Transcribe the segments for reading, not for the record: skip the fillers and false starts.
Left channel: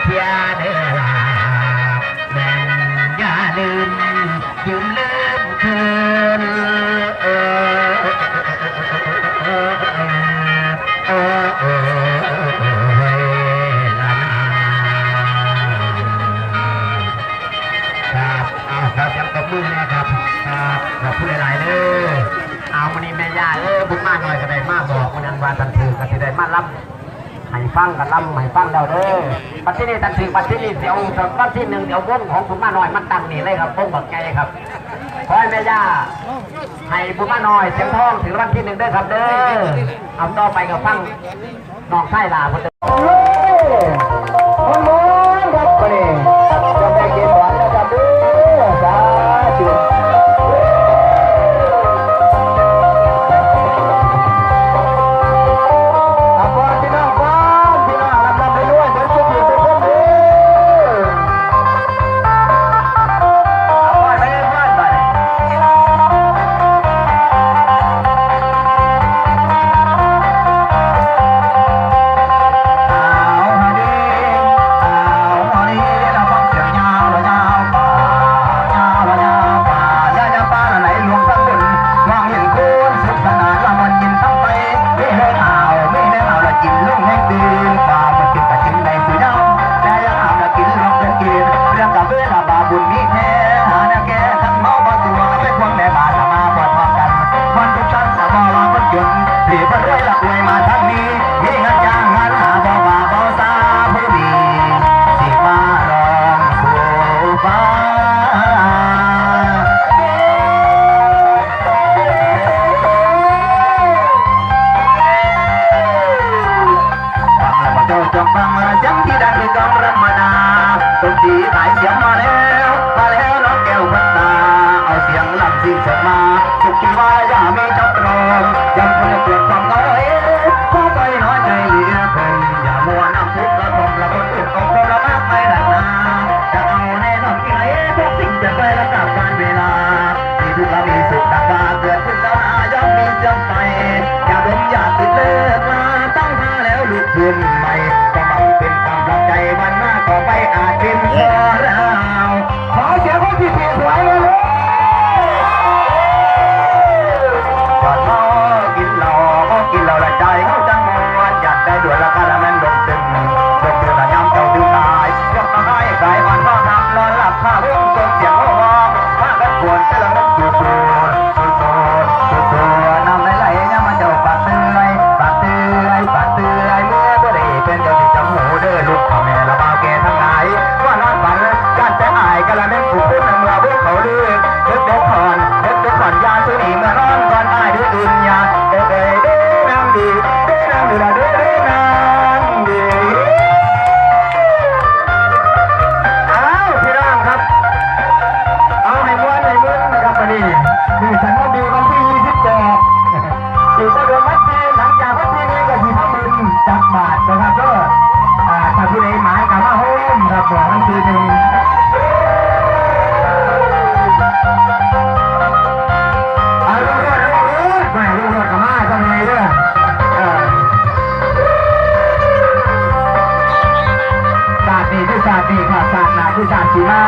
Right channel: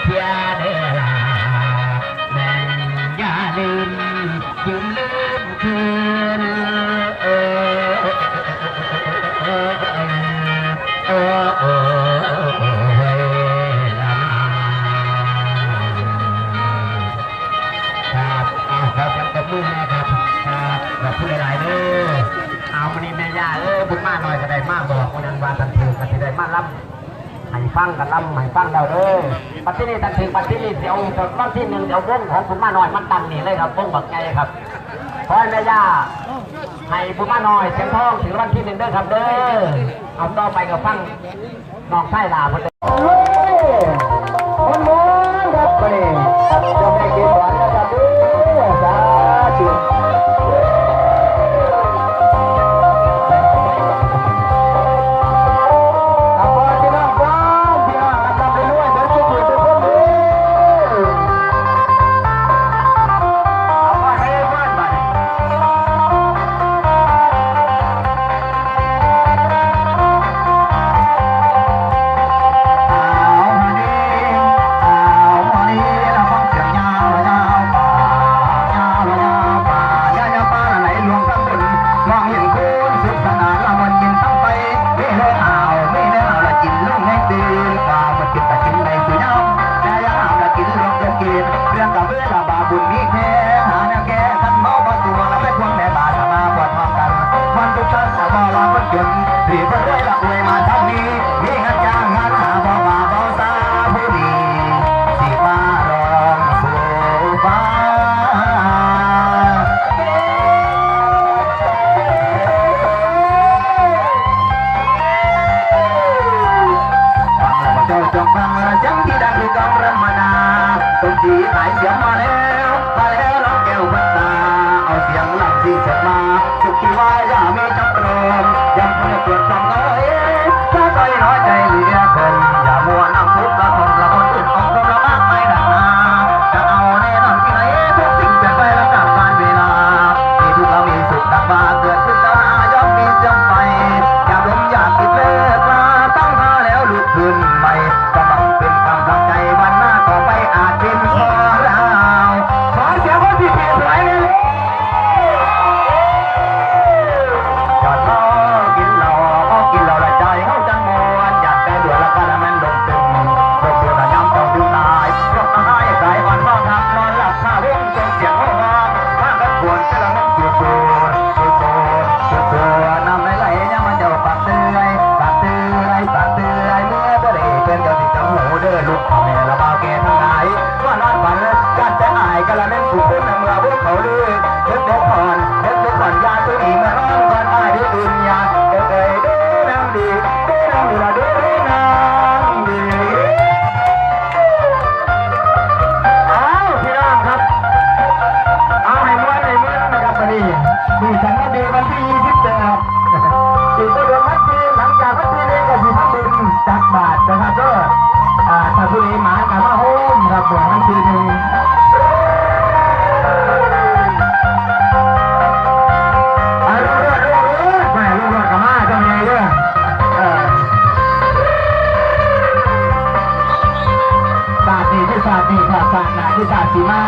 เทียเด้อล่ะแม่นอย่าลืมลืมคืนครับยังตบมือนะครับครับขอบคุณหลายๆเด้อเอาวันนี้แม่ย่าบุญมากหน่อยก็ได้มากบอกวันนั้นวันตันถือก็ได้มาล่ำให้ฟังกันล่ำให้ฟังเดาเด้อปัจจุบันตันถือปัจจุบันเดี๋ยววันที่1เดี๋ยววงของบุญมากหน่อยมันตั้งนี่เลยครับวงบักไงครับขอให้แม่ย่าให้บุญมากหน่อยเสียงทองถึงวันที่1เด้อครับเด้อเอาต่อไปกับฟังน้องไส้ลาคนเด้อจงฟังจังที่ดังคือกองรำมานาต้นสีขายเสียงมาแล้วรับแก้วพัตตาเอาเสียงลำสิ่งสดมาสุขีว่าอย่าไม่จับตรมยังคงเกิดความน้อยถ้าต่อยน้อยใจเหลือคนอย่ามัวน้ำทุกข์ละทมละคนอื่นต้องละมากไปหนักหนาจะเอาแน่นอนที่ไหนทุกสิ่งจะไปรับจากการเวลามีทุกข์มีสุขดังว่าเกิดขึ้นแล้วย่อมมีจำไปอย่าดมอย่าติดเลิกมาตั้งท่าแล้วลุกขึ้นใหม่เป็นกำลังใจวันหน้าต่อไปอาจเป็นพอเราขอเสียงคนที่สวยเลยก่อนน้อกินเราละใจเขาจังมวนอยากได้ด่วนละกันมันลงตึงลงตึงแต่ย้ำต้องดูตายยกมาให้กายอ่อนพ่อทำนอนหลับข้าวเรื่องเก่งเสียงห้องถ้ากันควรจะลองนั่งอยู่ตัวนำไหลเนี่ยมันจะปัดเตือยเมื่อบ่ได้เป็นเดี๋ยวติดจังหูเด้อลูกพ่อแม่ละบ่าวแก่ทั้งหลายว่านอนฝันการใจอายกันละนั่งผู้คนนั่งละพวกเขาเลือกเด็กก่อนยาตัวนี้มานอนก่อนอายด้วยอื่นยาเด้นั่งดีนั่งดูละเด้นั่งดีเอาพี่น้องครับเอาให้ม้วนนะครับวันนี้มีสันวันดีวันที่28อีกก็เดือนมัดจีหลังจากมัดจีนี้ก็ที่ทำบุญจักบาทนะครับก็ถ้าผู้ใดหมายกับมาโฮมครับบอกมันทีหนึ่งลูกกับมาทำไงด้วยศาสตร์นี่คือศาสตร์นี่ครับศาสตร์หนาคือศาสตร์ชีมา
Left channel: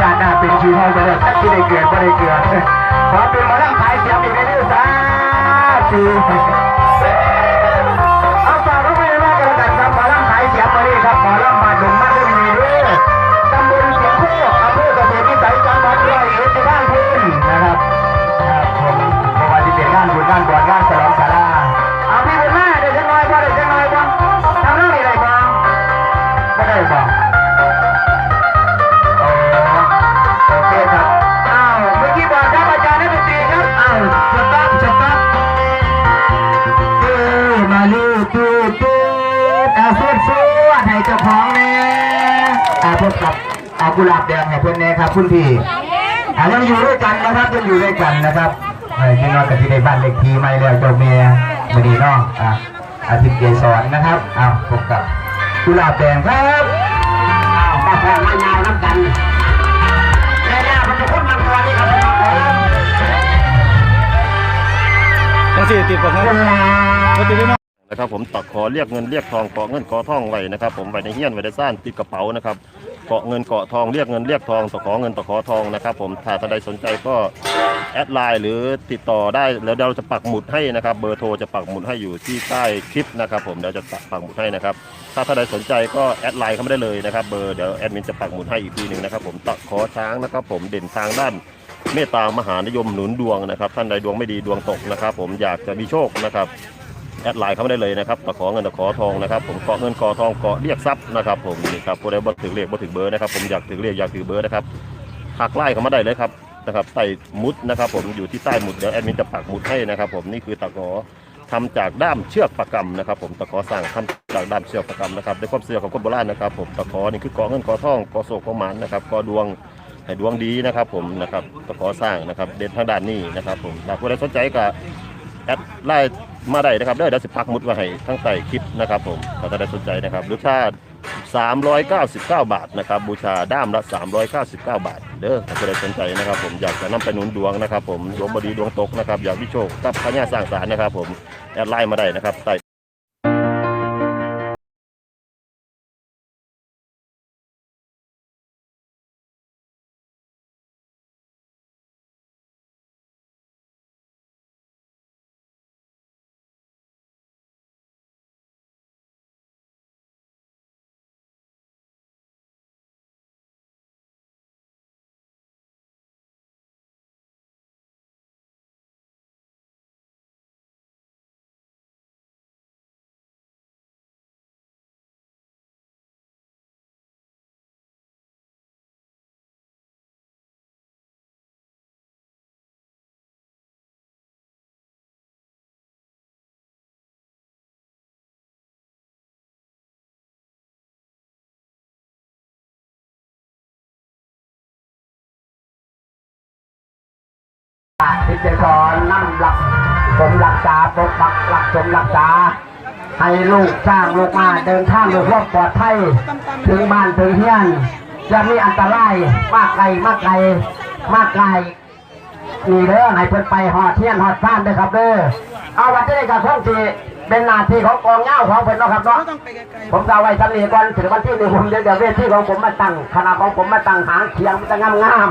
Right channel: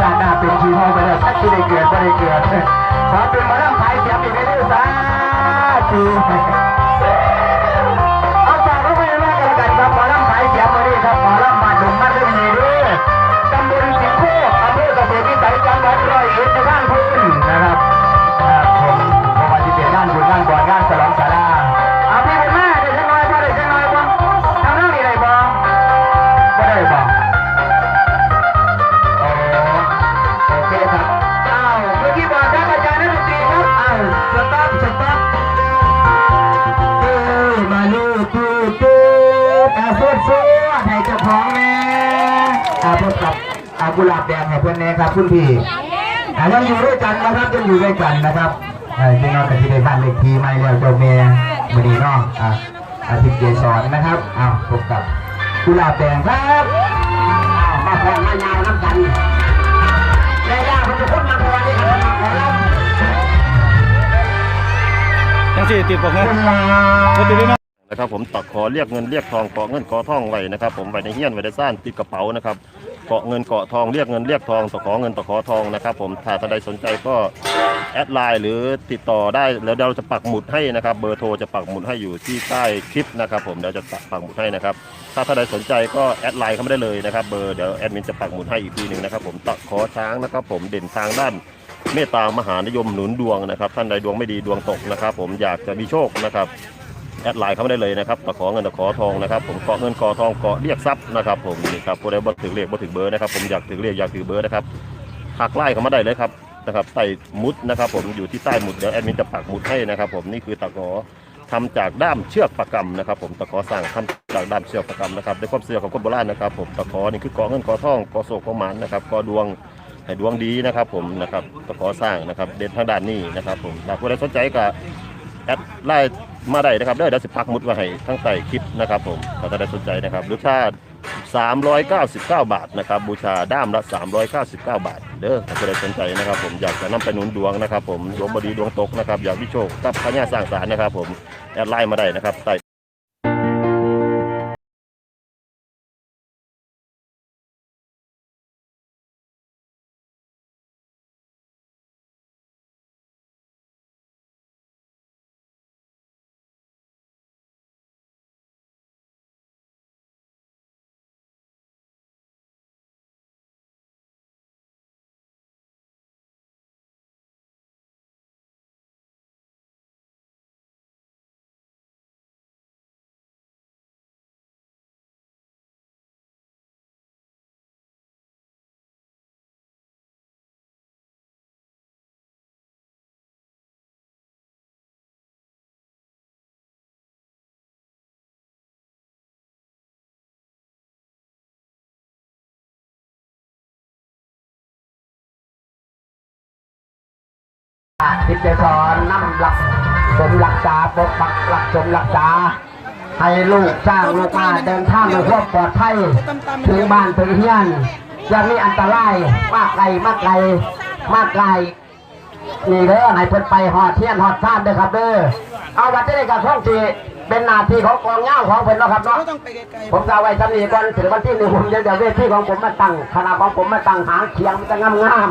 ศาสตร์หนาเป็นชีมาไปเลยถ้าที่ได้เกิดก็ได้เกิดขอเป็นมาล่ำขายเสียงอีกในนี้ศาสตร์เอาฝากเขาไปมากกันแล้วกันครับมาล่ำขายเสียงมาดิครับมาล่ำมาดุมมาด้วยนี่ด้วยตำบลสิงห์โคกอำเภอเกษตรวิสัยจังหวัดร้อยเอ็ดในบ้านพื้นนะครับผมบอกว่าจะเป็นงานบุญงานบวชงานฉลองศาลาเอาพี่บุญมาได้จังหน่อยบ้างได้จังหน่อยบ้างทำเรื่องอะไรบ้างไม่ได้บ้างโอเคครับเมื่อกี้บอกท่านอาจารย์นักดนตรีครับสต๊อปมาลูตูเสื้อให้เจ้าของแม่พบกับกุหลาบแดงให้เพื่อนแน่ครับคุณพี่ยังอยู่ด้วยกันนะครับยังอยู่ด้วยกันนะครับจริงๆเรากับที่ในบ้านเล็กทีไม่แล้วเจ้าเมียมาดีน้องอาทิตย์เกศรนะครับพบกับกุหลาบแดงครับมาแข่งมายาวน้ำกันแล้วมันจะพูดมาพอนี่ครับต้องสิติดปกนะก็ติดด้วยนะ นะครับผมตะขอเรียกเงินเรียกทองเกาะเงินเกาะทองไว้นะครับผมไว้ในเฮียนไว้ในซ่านติดกระเป๋านะครับเกาะเงินเกาะทองเรียกเงินเรียกทองตะขอเงินตะขอทองนะครับผมถ้าท่านใดสนใจก็แอดไลน์หรือติดต่อได้แล้วเราจะปักหมุดให้นะครับเบอร์โทรจะปักหมุดให้อยู่ที่ใต้คลิปนะครับผมเดี๋ยวจะปักหมุดให้นะครับถ้าท่านใดสนใจก็แอดไลน์เข้ามาได้เลยนะครับเบอร์เดี๋ยวแอดมินจะปักหมุดให้อีกทีนึงนะครับผมตะขอช้างนะครับผมเด่นทางด้านเมตตามหานิยมหนุนดวงนะครับท่านใดดวงไม่ดีดวงตกนะครับผมอยากจะมีโชคนะครับแอดไลน์เข้ามาได้เลยนะครับตะขอเงินตะขอทองนะครับผมเกาะเงินเกาะทองเกาะเรียกทรัพย์นะครับผมนี่ครับผู้ใดบ่ถึงเลขบ่ถึงเบอร์นะครับผมอยากถึงเลขอยากถือเบอร์นะครับทักไลน์เข้ามาได้เลยครับนะครับใต้มุดนะครับผมอยู่ที่ใต้มุดเดี๋ยวแอดมินจะปักหมุดให้นะครับผมนี่คือตะขอทำจากด้ามเชือกประกำนะครับผมตะขอสร้างทำจากด้ามเชือกประกำนะครับด้วยความเชื่อของคนโบราณนะครับผมตะขอนี่คือเกาะเงินเกาะทองเกาะโศกเกาะหมานนะครับเกาะดวงให้ดวงดีนะครับผมนะครับตะขอสร้างนะครับเด่นทางด้านนี้นะครับผมถ้าผู้ใดสนใจก็แอดไลน์มาได้นะครับเดี๋ยวสิปักหมุดไว้ให้ทั้งใต้คลิปนะครับผมถ้าได้สนใจนะครับหรือถ้า399 บาทนะครับบูชาด้ามละ399 บาทเด้อถ้าผู้ใดสนใจนะครับผมอยากจะนำไปหนุนดวงนะครับผมดวงบ่ดีดวงตกนะครับอยากมีโชคกับพญาสร้างสรรค์นะครับผมแอดไลน์มาได้นะครับใต้พิจารณานำหลักสมรักษาปกปักหลักสมรักษาให้ลูกจ้างลูกมาเดินทางด้วยความปลอดภัยถึงบ้านถึงเฮียนจะมีอันตรายมากไกลมากไกลมากไกลนี่เด้อให้เพิ่นไปหอดเทียนหอดซ่านเด้อครับเด้อเอาวันนี้กับคนที่เป็นหน้าที่ของกองเงาของเพิ่นนะครับเนาะผมจะเอาไว้จำนี้ก่อนถึงวันที่1ผมเดี๋ยวเวทีของผมมาตั้งคณะของผมมาตั้งหางเคียงมันจะงาม